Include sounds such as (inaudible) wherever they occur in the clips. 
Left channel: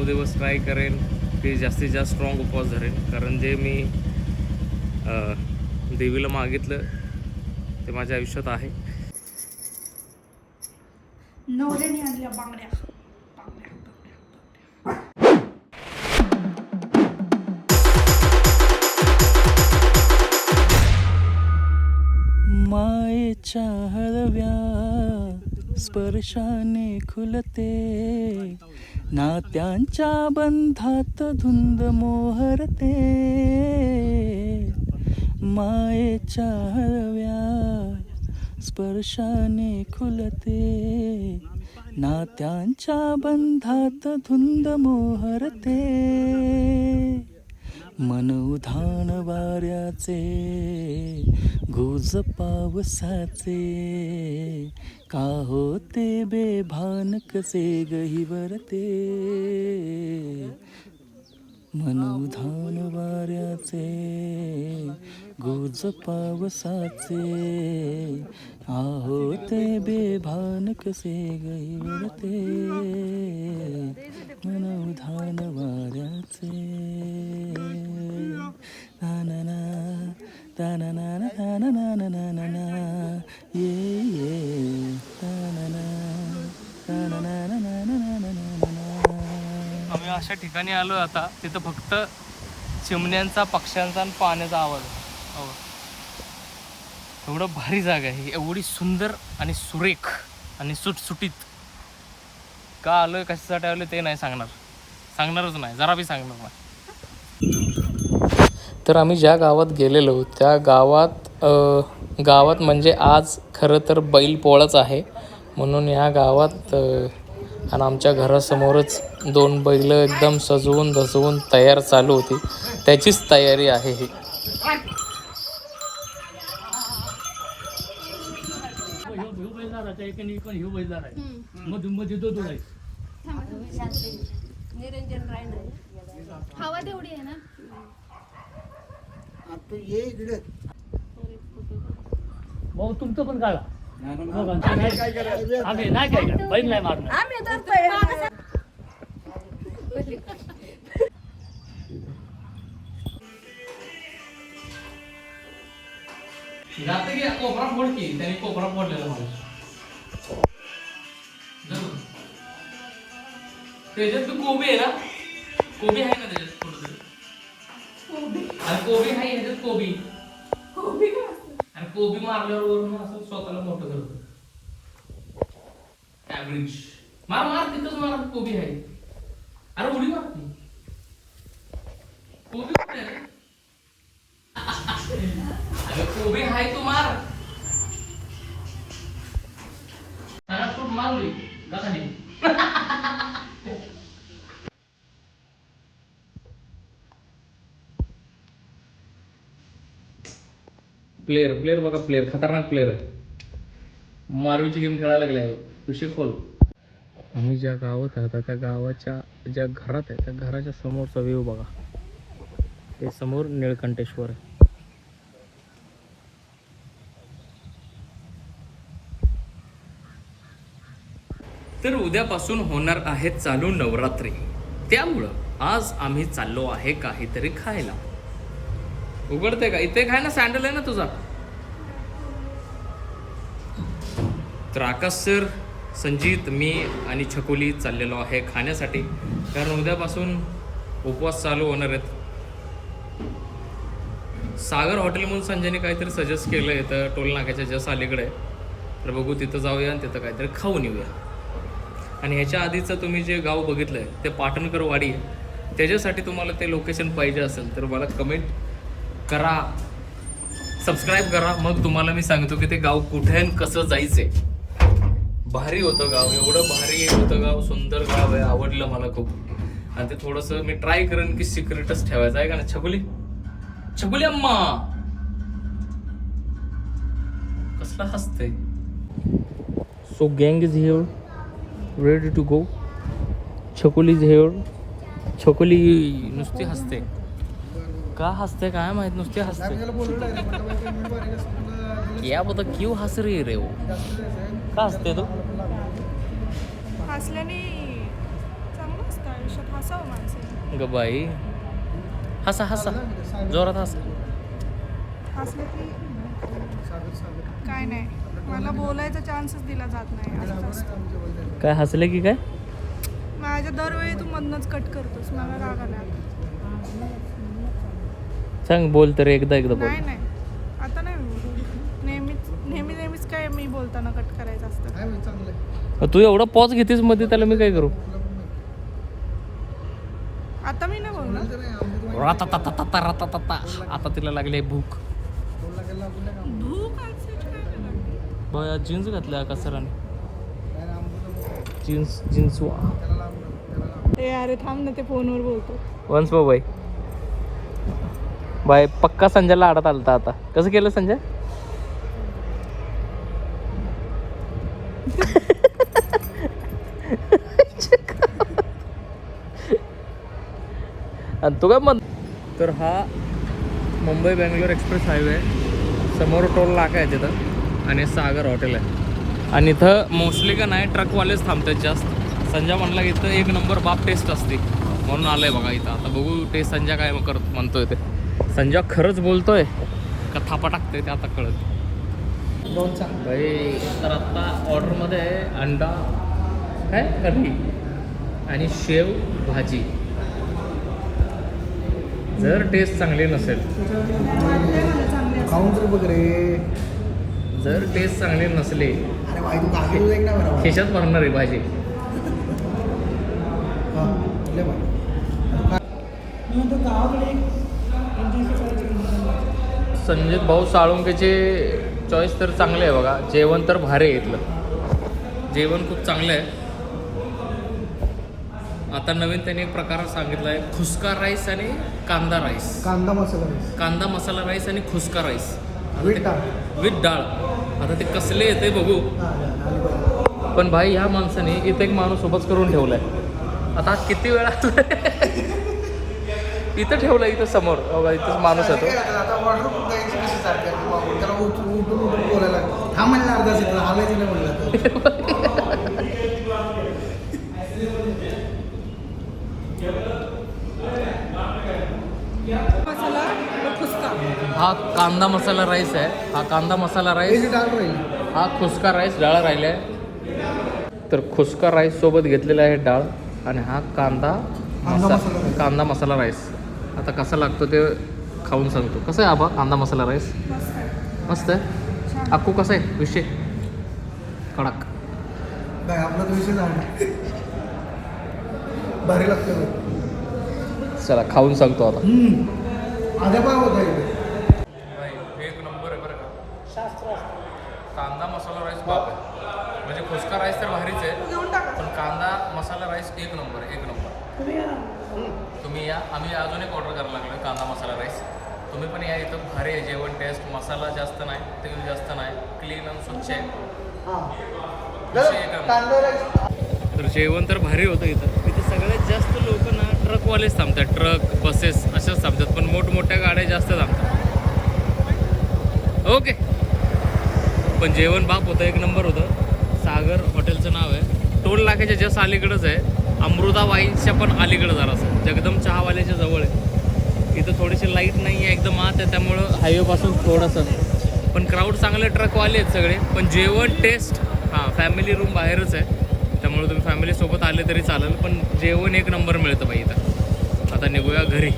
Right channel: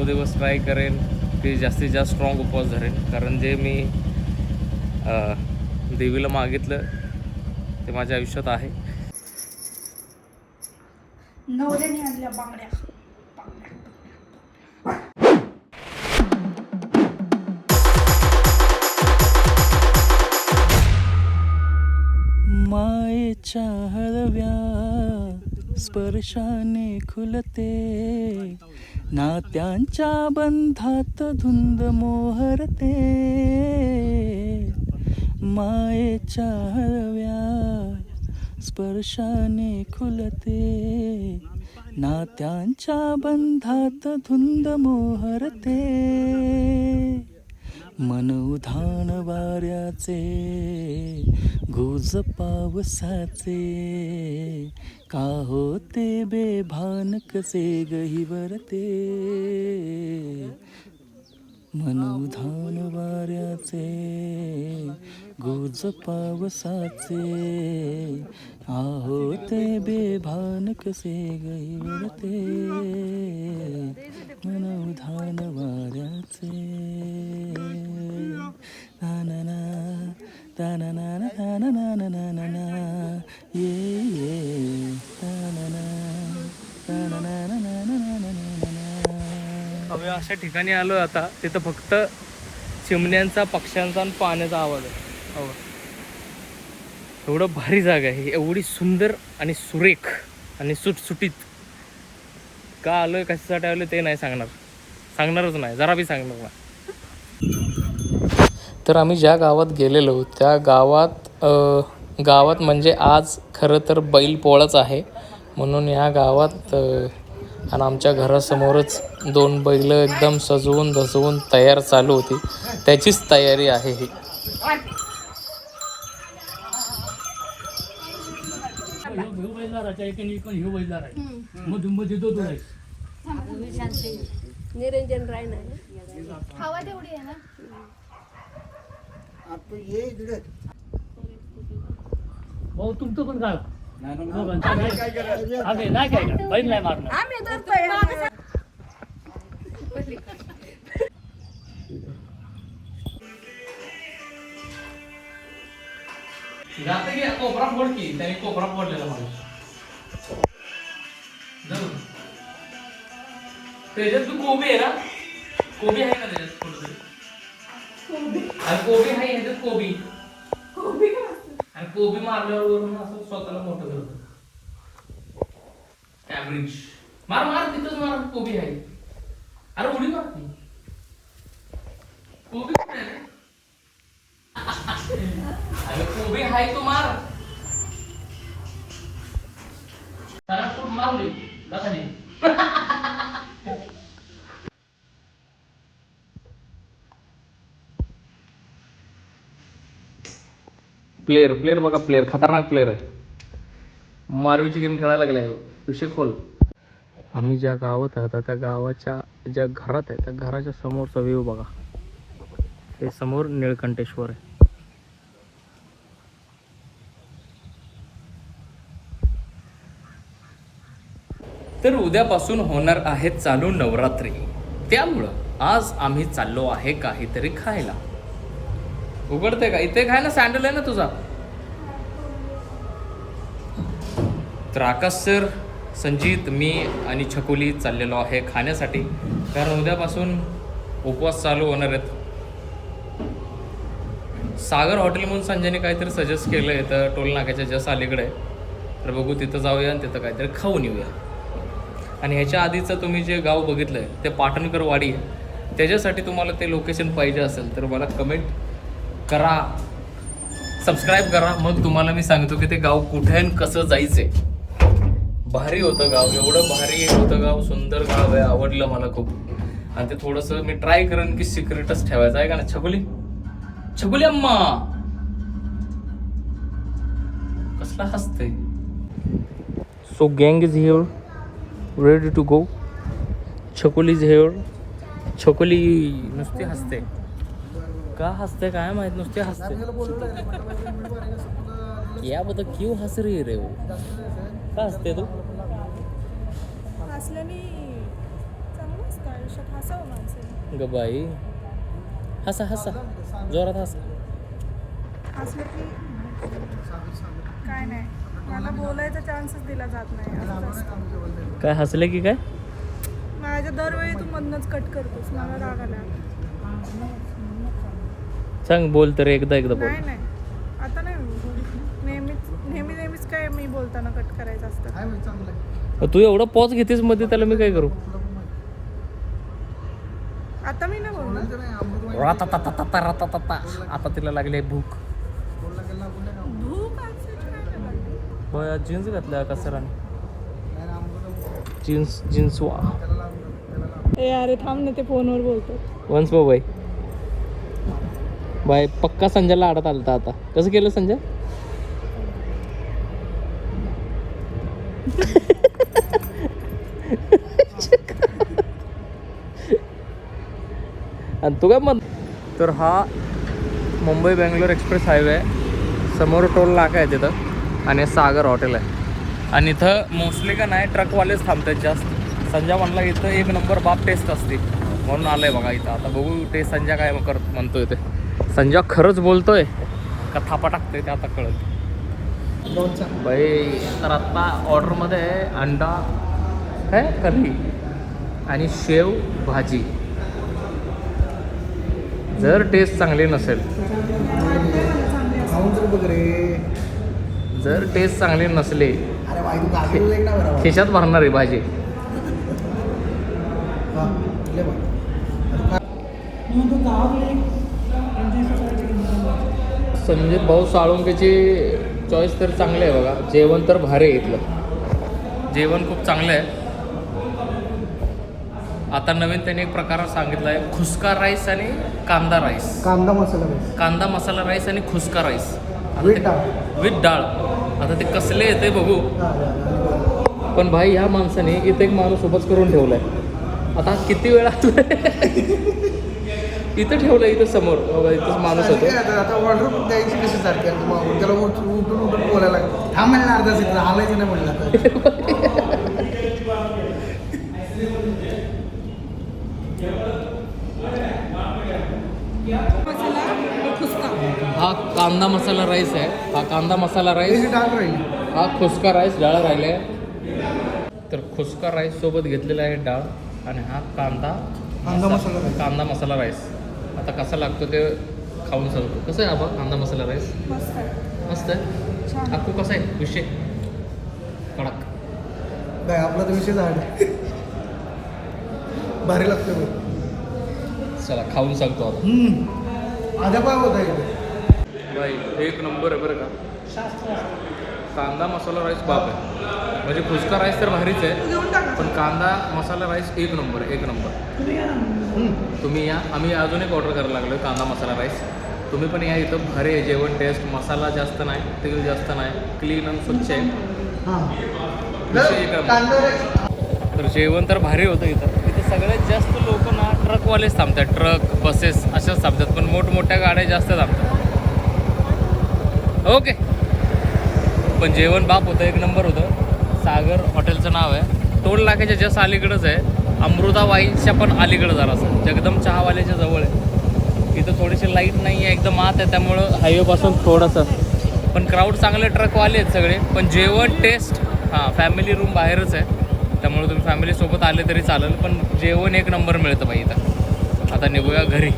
नऊ दिवस ट्राय करेन की जास्तीत जास्त स्ट्रॉंग उपवास धरेन. कारण जे मी अ, देवीला मागितलं ते माझ्या आयुष्यात आहे. नवऱ्याने आणल्या बांगड्या. बांगड्या मायेच्या हळव्या स्पर्शाने खुलते. नात्यांच्या बंधात धुंद मोहरते. मायेच्या हळव्या स्पर्शाने खुलते. नात्यांच्या बंधात धुंद मोहरते. मन उधान वाऱ्याचे गुज पावसाचे का होते बेभान कसे गही वरते? मनोधान वाऱ्याचे गोज पावसाचे आहो ते बेभान कसे गही वरते? मनोधान वाऱ्याचे ना ना. आम्ही अशा ठिकाणी आलो आता तिथं फक्त चिमण्यांचा पक्ष्यांचा आणि पाण्याचा आवाज आहे हो. एवढं भारी जागा आहे एवढी सुंदर आणि सुरेख आणि सुटसुटीत का आलं कशासाठी आलं ते नाही सांगणार सांगणारच नाही जरा बी सांगणार नाही तर आम्ही ज्या गावात गेलेलो त्या गावात अ, गावात म्हणजे आज खरं तर बैलपोळाच आहे. म्हणून ह्या गावात आणि आमच्या घरासमोरच दोन बैल एकदम सजवून धसवून तयार चालू होती. त्याचीच तयारी आहे ही. निरंजन राय नाही ना भाऊ तुमचं पण काढा नाही काय नाही मारणार. आम्ही धरतोय. जाते की कोपरा फोड की? त्यांनी कोपरा फोडलेला मला. त्याच्यात तू कोबी आहे ना? कोबी आहे ना त्याच्यात कुठंतरी आणि कोबी आहे ह्याच्यात कोबी. आणि कोबी मारल्यावर वरून असं स्वतःला मोठं करतो. ऍव्हरेज मार मार तिथंच मार कोबी आहे. अरे उडी मार. कोबी कुठे? अरे कोबी हाय तो मार. खूप मारली? खाली. प्लेअर प्लेअर बघा प्लेअर खतरनाक प्लेअर आहे. मारूची गेम खेळायला लागले विषय खोल. आम्ही ज्या गावात आहोत त्या गावाच्या ज्या घरात आहे त्या घराच्या समोरचा व्ह्यू बघा. ते समोर निळकंठेश्वर आहे. तर उद्यापासून होणार आहे चालू नवरात्री. त्यामुळं आज आम्ही चाललो आहे काहीतरी खायला. उघडते का? इथे काय ना सँडल आहे ना तुझा? तर आकाश सर संजीत मी आणि छकुली चाललेलो आहे खाण्यासाठी. कारण उद्यापासून उपवास चालू होणार आहेत. सागर हॉटेल म्हणून संजयने काहीतरी सजेस्ट केलं आहे तर टोल नाक्याच्या अलीकडे. तर बघू तिथं जाऊया आणि तिथं काहीतरी खाऊन येऊया. आणि ह्याच्या आधीचं तुम्ही जे गाव बघितलं आहे ते पाटणकर वाडी आहे. त्याच्यासाठी तुम्हाला ते लोकेशन पाहिजे असेल तर मला कमेंट करा. सबस्क्राईब करा. मग तुम्हाला मी सांगतो की ते गाव कुठे आणि कसं जायचंय. भारी होतं गाव. एवढं भारी होतं गाव. सुंदर गाव आहे. आवडलं मला खूप. आणि ते थोडंसं मी ट्राय करेन की सिक्रेटच ठेवायचं. आहे का ना छगुली? छगुली अम्मा! कसला हसते सो गँग is here ready to go Chhakuli is here Chhakuli नुसती हसते. का हसते काय माहीत नुसती हसते या बता क्यों हस रही रे वो? का हसते तू? हसल्याने चांगलं असतं आयुष्यात हसावं माणसाने. ग बाई. हसा हसा. जोरात हसा. हसलं काय नाही. मला बोलायचा चान्सच दिला जात नाही. काय हसले की काय? माझ्या दरवेळी तू मधनच कट करतोस. मला राग आला. सांग बोल तर एकदा एकदा बोल. नाही नाही. आता नाही बोलू. नेहमीच नेहमी नेहमीच काय मी बोलताना कट करायचं असतं. तू एवढा पॉज घेतेस मध्ये त्याला मी काय करू? आता मी नाही बोलणार. राताताताता, राताताता. आता तिला लागले भूक. भूक ऍक्सेप्ट काय नाही लागली. बया जीन्स घातल्या का सराने? जीन्स जीन्स वा. ए अरे थांब ना ते फोनवर बोलतो. वन्स बाय बाय पक्का संजयला आडत आलता आता. कसं केलं संजय? आणि तू काय मत तर हा मुंबई बेंगलोर एक्सप्रेस हायवे आहे समोर टोल नाका आहे तिथं आणि सागर हॉटेल आहे. आणि इथं मोस्टली का नाही ट्रकवालेच थांबतात जास्त. संजय म्हणला इथं एक नंबर बाप टेस्ट असते. म्हणून आलंय बघा इथं. आता बघू टेस्ट संजय काय करत म्हणतो ते. संजय खरंच बोलतोय. का थापा टाकतोय ते आता कळत. बाई तर आत्ता ऑर्डरमध्ये आहे अंडा काय? कढी आणि शेव भाजी. जर टेस्ट चांगली नसेल. जर टेस्ट चांगली नसली अरे भाई तू काकी एक ना बरं. खिशात भरणार आहे भाजी. संजय भाऊ साळुंकेचे चॉईस तर चांगले आहे बघा. जेवण तर भारी आहे इथलं. जेवण खूप चांगलं आहे. आता नवीन त्यांनी एक प्रकार सांगितला आहे खुसका राईस आणि कांदा राईस. कांदा मसाला राईस. कांदा मसाला राईस आणि खुसका राईस. ते- डाळ. विथ डाळ. आता ते कसले येते बघू. पण भाई ह्या माणसाने इथे एक माणूस उभंच करून ठेवलाय. आता किती वेळा (laughs) इथं ठेवलं इथं समोर. बघा इथं माणूस येतो आता ऑर्डर द्यायची कशी चालते मग त्याला उठून उठून उठून बोलायला म्हणलं अर्धा सेकंद हालायचं नाही म्हणलं हा कांदा मसाला राईस आहे. हा कांदा मसाला राईस. त्याची डाळ राहिली. हा खुसका राईस डाळ राहिला आहे. तर खुसका राईस सोबत घेतलेला आहे डाळ. आणि हा कांदा कांदा मसाला. कांदा मसाला राईस. आता कसा लागतो ते खाऊन सांगतो. कसं आहे आबा? कांदा मसाला राईस मस्त आहे. मस्त आहे? अक्कू कसं आहे? विषय? कडक. आपला तर विषय झाड भारी लागतं. चला खाऊन सांगतो आता. हम्म. आजा पाव होता इथे एक नंबर आहे बरं का? कांदा मसाला राईस बाप आहे म्हणजे फुसका राईस तर भारीच आहे पण कांदा मसाला राईस एक नंबर आहे एक नंबर तुम्ही या. आम्ही अजून एक ऑर्डर करायला लागलो कांदा मसाला राईस तुम्ही पण या इथं. भारी आहे जेवण टेस्ट मसाला जास्त नाही तेल जास्त नाही. क्लीन आणि स्वच्छ आहे. हां. तर जेवण तर भारी होतं इथं. इथं सगळ्यात जास्त लोक ना ट्रकवालेच थांबतात. ट्रक बसेस अशाच थांबतात. पण मोठमोठ्या गाड्या जास्त थांबतात. ओके पण जेवण बाप होतं एक नंबर होतं. सागर हॉटेलचं नाव आहे. टोल नाक्याच्या जस्ट अलीकडंच आहे. अमृता वाईन्सच्या पण अलीकडं जरासं जगदम चहावाल्याच्या जवळ आहे. इथं थोडीशी लाइट नाही आहे एकदम आत आहे. त्यामुळं हायवेपासून थोडंसं. पण क्राऊड चांगले ट्रकवाले आहेत सगळे. पण जेवण टेस्ट हां फॅमिली रूम बाहेरच आहे. त्यामुळे तुम्ही फॅमिलीसोबत आले तरी चालेल. पण जेवण एक नंबर मिळतं बाई इथं. आता निघूया घरी.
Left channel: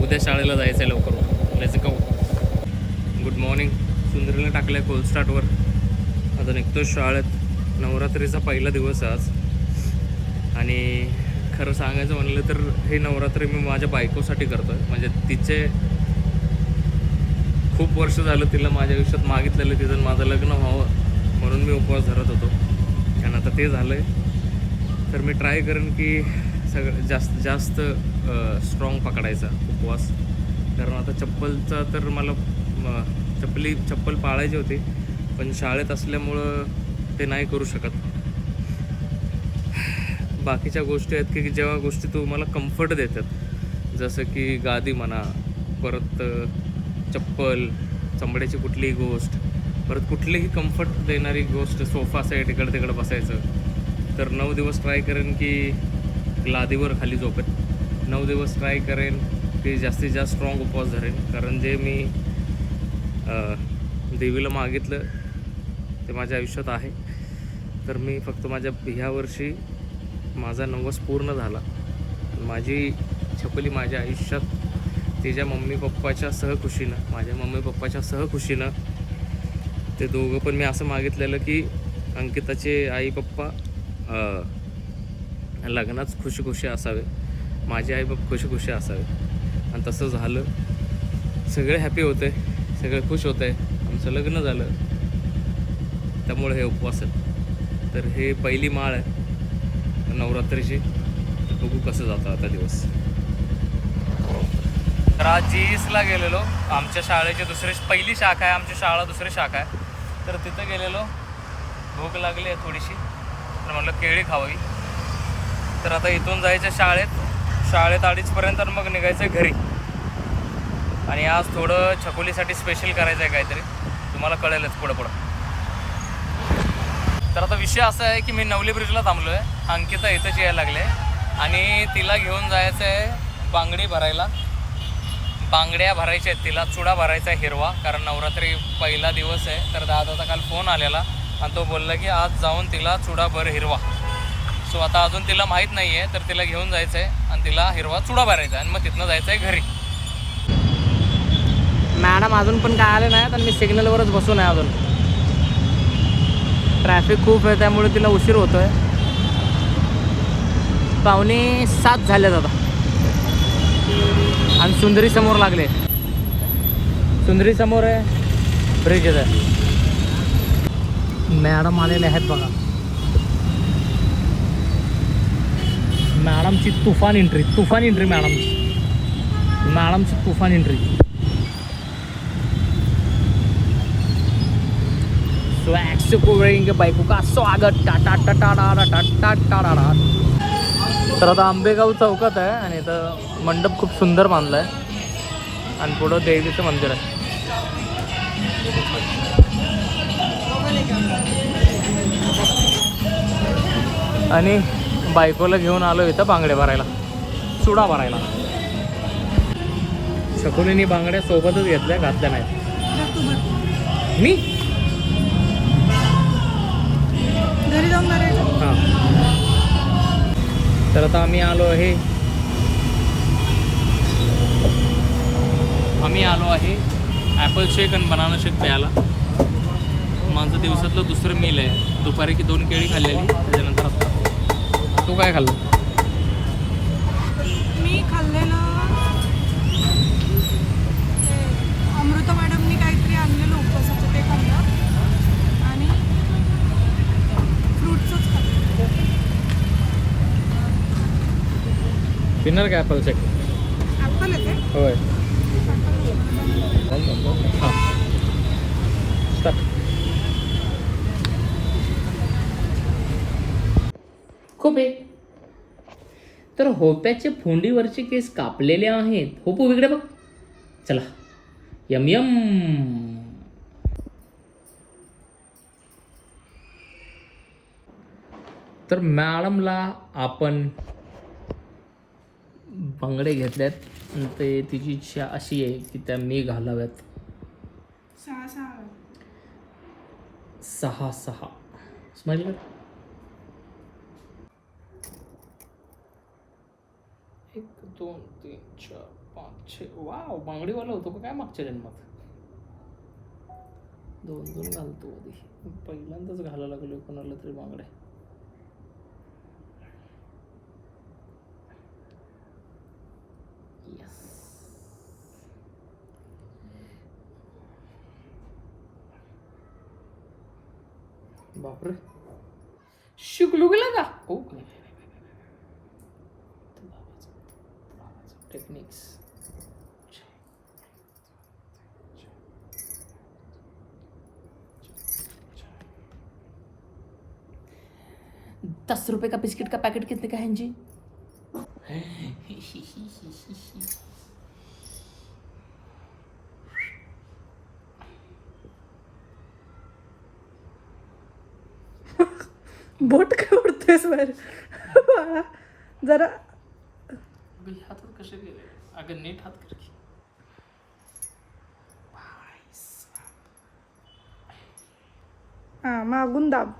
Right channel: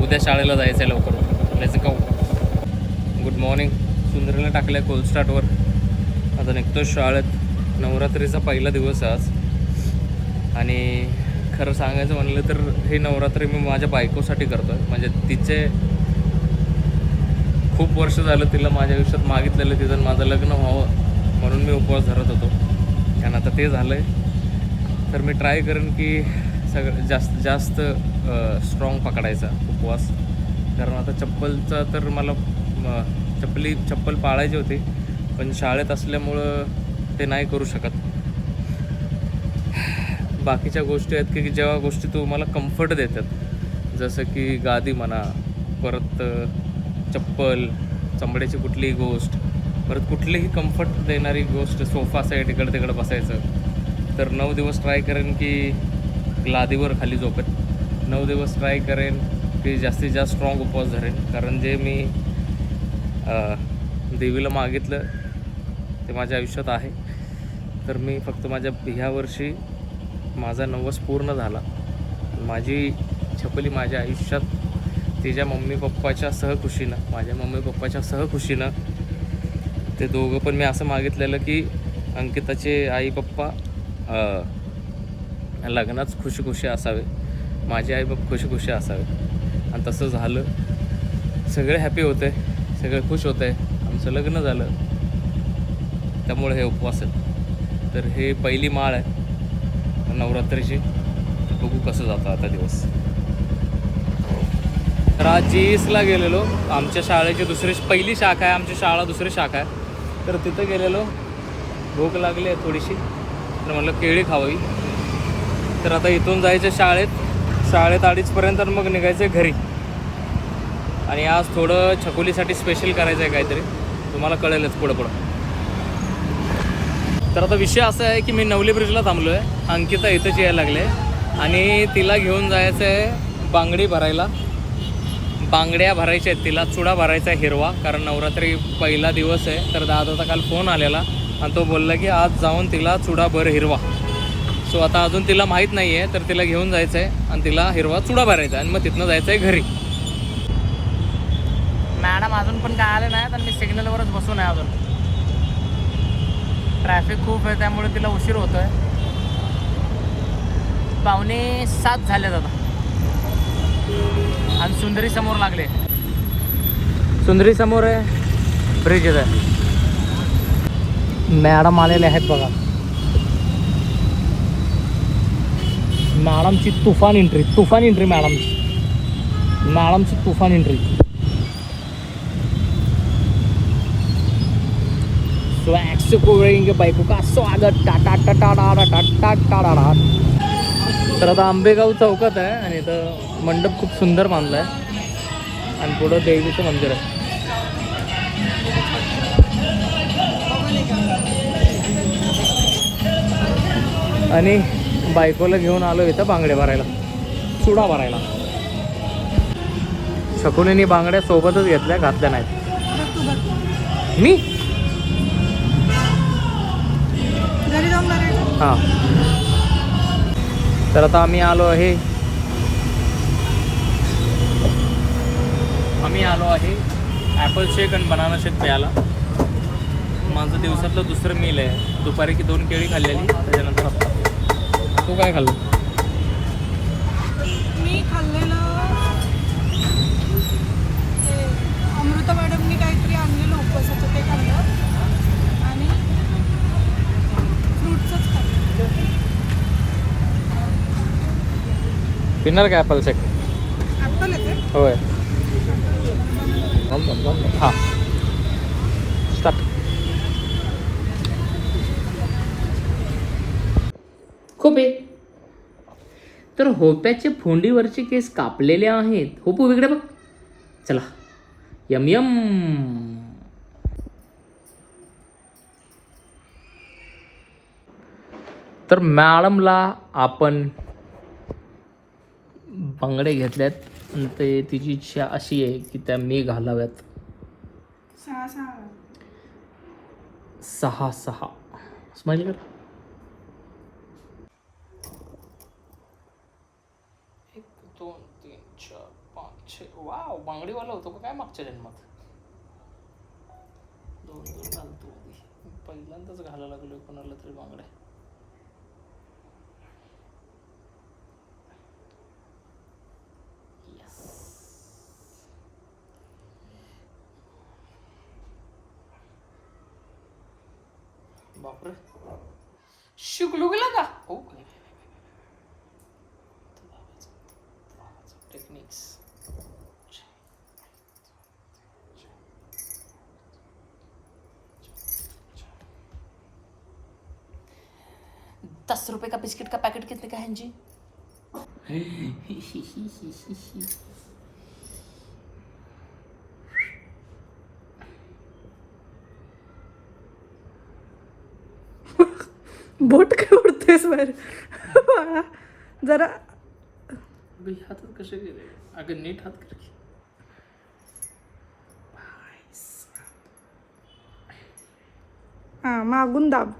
उद्या शाळेला जायचं आहे लवकर. लेट्स गो गुड मॉर्निंग सुंदरीला टाकलं आहे कोलस्टार्टवर आता निघतो शाळेत. नवरात्रीचा पहिला दिवस आज. आणि खरं सांगायचं म्हणलं तर हे नवरात्री मी माझ्या बायकोसाठी करतो आहे म्हणजे तिचे खूप वर्ष झालं तिला माझ्या आयुष्यात मागितलेलं तिथं माझं लग्न व्हावं म्हणून मी उपवास धरत होतो. आणि आता ते झालं आहे तर मी ट्राय करेन की सगळं जास्त जास्त स्ट्रॉंग पकडायचा उपवास. कारण आता चप्पलचा तर मला चप्पली चप्पल पाळायची होती पण शाळेत असल्यामुळं ते नाही करू शकत. बाकीच्या गोष्टी आहेत की जेव्हा गोष्टी तुम्हाला कम्फर्ट देतात. जसं की गादी म्हणा परत चप्पल चमड्याची कुठलीही गोष्ट परत कुठलीही कम्फर्ट देणारी गोष्ट सोफा साईड इकडं तिकडं बसायचं. तर नऊ दिवस ट्राय करेन की लादीवर खाली झोपेन. नऊ दिवस ट्राय करेन की जास्तीत जास्त स्ट्रॉंग उपवास धरेन. कारण जे मी देवीला मागितलं. ते माझ्या आयुष्यात आहे. तर मी फक्त माझ्या ह्या वर्षी माझा नवस पूर्ण झाला. माझी छपली माझ्या आयुष्यात तिच्या मम्मी पप्पाच्या सहखुशीनं माझ्या मम्मी पप्पाच्या सहखुशीनं ते दोघं पण मी असं मागितलेलं की अंकिताचे आई पप्पा लग्नात खुशी खुशी असावे. माझे आई बाप खुशी खुशी असावे. आणि तसं झालं. सगळे हॅपी होते. सगळे खुश होत आहे. आमचं लग्न झालं. त्यामुळे हे उपवास आहेत. तर हे पहिली माळ आहे. नवरात्रीची. तर बघू कसं जातं आता दिवस. तर आज जी एसला गेलेलो. आमच्या शाळेची दुसरी पहिली शाखा आहे. आमची शाळा दुसरी शाखा आहे. तर तिथं गेलेलो. भूक लागली आहे थोडीशी. तर म्हटलं केळी खावी तर आता इथून जायचं शाळेत. शाळेत अडीचपर्यंत मग निघायचं आहे घरी. आणि आज थोडं छकोलीसाठी स्पेशल करायचं आहे काहीतरी. तुम्हाला कळेलच पुढं पुढं. तर आता विषय असा आहे की मी नवली ब्रिजला थांबलो आहे अंकिता इथंच यायला लागले. आणि तिला घेऊन जायचं आहे बांगडी भरायला. बांगड्या भरायच्या आहेत तिला चुडा भरायचा आहे हिरवा कारण नवरात्री पहिला दिवस आहे. तर दादाचा काल फोन आलेला आणि तो बोलला की आज जाऊन तिला चुडा भर हिरवा. सो आता अजून तिला माहीत नाही आहे तर तिला घेऊन जायचं आहे आणि तिला हिरवा चुडा भरायचा आहे. आणि मग तिथनं जायचं आहे घरी. मॅडम अजून पण काय आले नाहीत आणि मी सिग्नलवरच बसून आहे अजून. ट्रॅफिक खूप आहे त्यामुळे तिला उशीर होतोय. पाहुणे सात झाले दादा आणि सुंदरी समोर लागले. सुंदरी समोर आहे ब्रिज आहे. मॅडम आलेले आहेत बघा. मॅडमची तुफान एंट्री तुफान एंट्री मॅडमची मॅडमची तुफान एंट्री स्वॅग से करेंगे बायको का स्वागत टाटा टाटा टाटा टाटा टाटा तर आता आंबेगाव चौकात आहे आणि इथं मंडप खूप सुंदर बांधला आहे आणि पुढं देवीचं मंदिर आहे. आणि बायकोला घेऊन आलो इथं बांगडे भरायला. चुडा भरायला. शकुनीने बांगड्या सोबतच घेतल्या घातल्या नाहीत. मी? हां. तर आता आम्ही आलो आहे. आम्ही आलो आहे ॲपल शेक आणि बनाना शेक प्यायला. माझं दिवसातलं दुसरं मील आहे. दुपारी की दोन केळी खाल्लेली त्याच्यानंतर आत्ता तू काय खाल्लं? मी खाल्लेलं अमृता मॅडमनी काहीतरी आणलेलं उपवासाचं ते खाल्लं आणि फ्रूट्सच खाल्लं पिणार काय ॲपल शेक होय. हां. स्टार्ट खूप तर होप्याचे फोंडीवरचे केस कापलेले आहेत. होपू वेगळे बघ. चला. Yum yum. तर मॅडमला आपण बांगडे घेतल्यात. ते तिची इच्छा अशी आहे की त्या मी घालाव्यात. सहा सहा. सहा सहा स्माईल कर. एक दोन तीन चार पाच छे. वाव बांगडीवाला होतो का काय मागच्या जन्मात? दोन दोन घालतो पहिल्यांदाच घालायला लागलो कोणाला तरी बांगड्या बापरे। शिकलो गेला का ओके। टेक्निक्स दस रुपए का बिस्किट का पैकेट कितने का है जी (laughs) बोट काय उडतेस बाहेर? जरा हातात कसे गेले? अगं नीट हात कर की. हां मागून दाब.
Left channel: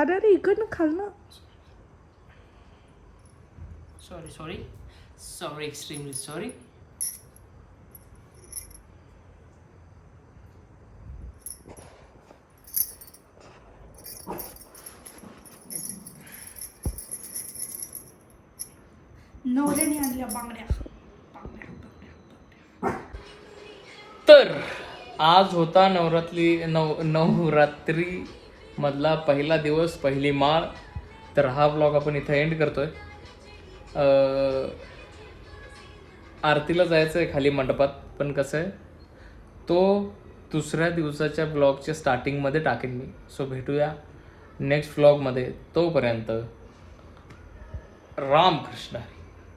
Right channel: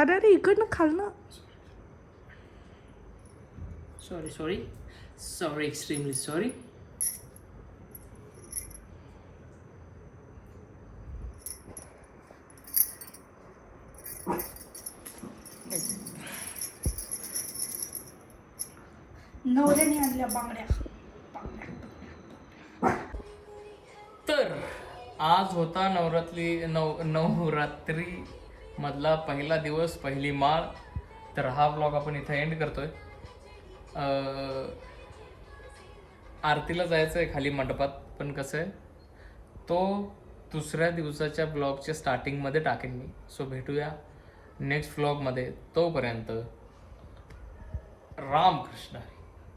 अरे अरे इकडनं खाल्लं sorry sorry sorry extremely sorry नवऱ्याने आणल्या बांगड्या तर आज होता नवरात्री नव नवरात्री मधला पहिला दिवस पहिली माळ. तर हा ब्लॉग आपण इथं एंड करतोय. आरतीला जायचं आहे खाली मंडपात पण कसं आहे तो दुसऱ्या दिवसाच्या ब्लॉगच्या स्टार्टिंगमध्ये टाकेन मी. सो भेटूया नेक्स्ट ब्लॉगमध्ये तोपर्यंत रामकृष्ण हरी.